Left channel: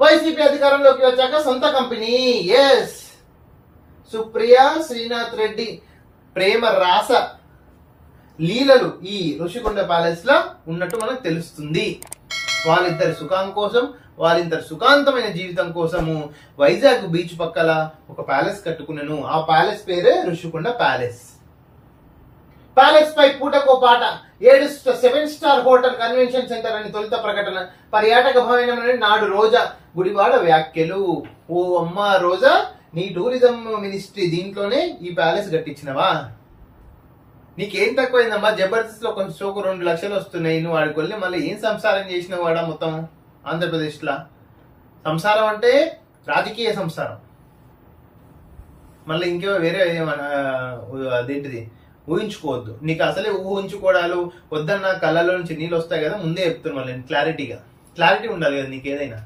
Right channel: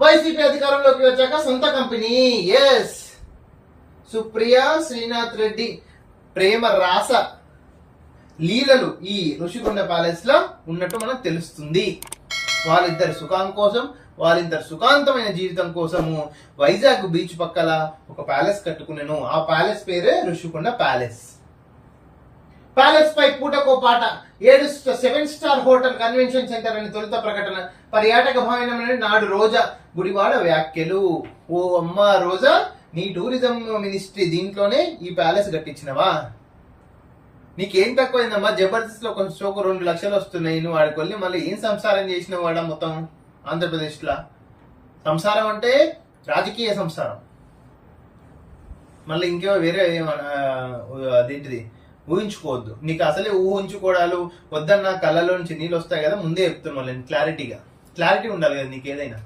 YCP అధికారంలోకి వచ్చాక సొంత కంపెనీ. ఎస్, సుప్రియా శ్రీనాథ్ రెడ్డి ప్రేమ రాస లీలలు ఈ ఋషికొండ ప్యాలెస్ లో ఉన్నట్టు మనకు తెలుస్తుంది. వాళ్ళిద్దరి సుఖం కోసం, వాళ్ళిద్దరి సుఖాంతమైన జీవితం కోసము వైజాగ్ బీచ్ పక్కల ఒక ప్యాలెస్ కట్టుకున్నాను. ఆ ప్యాలెస్ పేరే ఋషికొండ ప్యాలెస్. ప్యాలెస్ పై పూటకో పాట 7 స్టార్ హోటల్ కన్వెన్షన్ సెంటర్ అని తొలుత ప్రకటన. పర్యాటక భవనం నాడు రోజా గుడివాడ వ్యాఖ్యలు. ఓ అమ్మ రోజా, నీ టూరిజం మినిస్ట్రీ దీంట్లోనే ఈ ప్యాలెస్ కట్టించినవా? నీకేం తక్కువైందమ్మా? జబర్దస్త్ లో కొంచెం షోకు 2 లక్షలు వస్తున్నాయి. నువ్వు వాడికి వెళ్ళి మళ్ళీ ఏం సంసారం చేసినావు వాడా? మొత్తం ఆంధ్రప్రదేశ్ లా సంసారం అంటే రాజకీయ సంసారం, మళ్ళీ ఇంకేమో వేరే అదేంటిది ఊహించుకోవద్దు. నీకు అసలే ఊహించుకోవడాలు వద్దన్న, కళ్ళలో నుంచి నీళ్ళు వస్తాయి కదా, ముందే చెప్తున్నాను. మళ్ళీ క్లారిటీ ఉండాలి కదా నీకు ఏదైనా.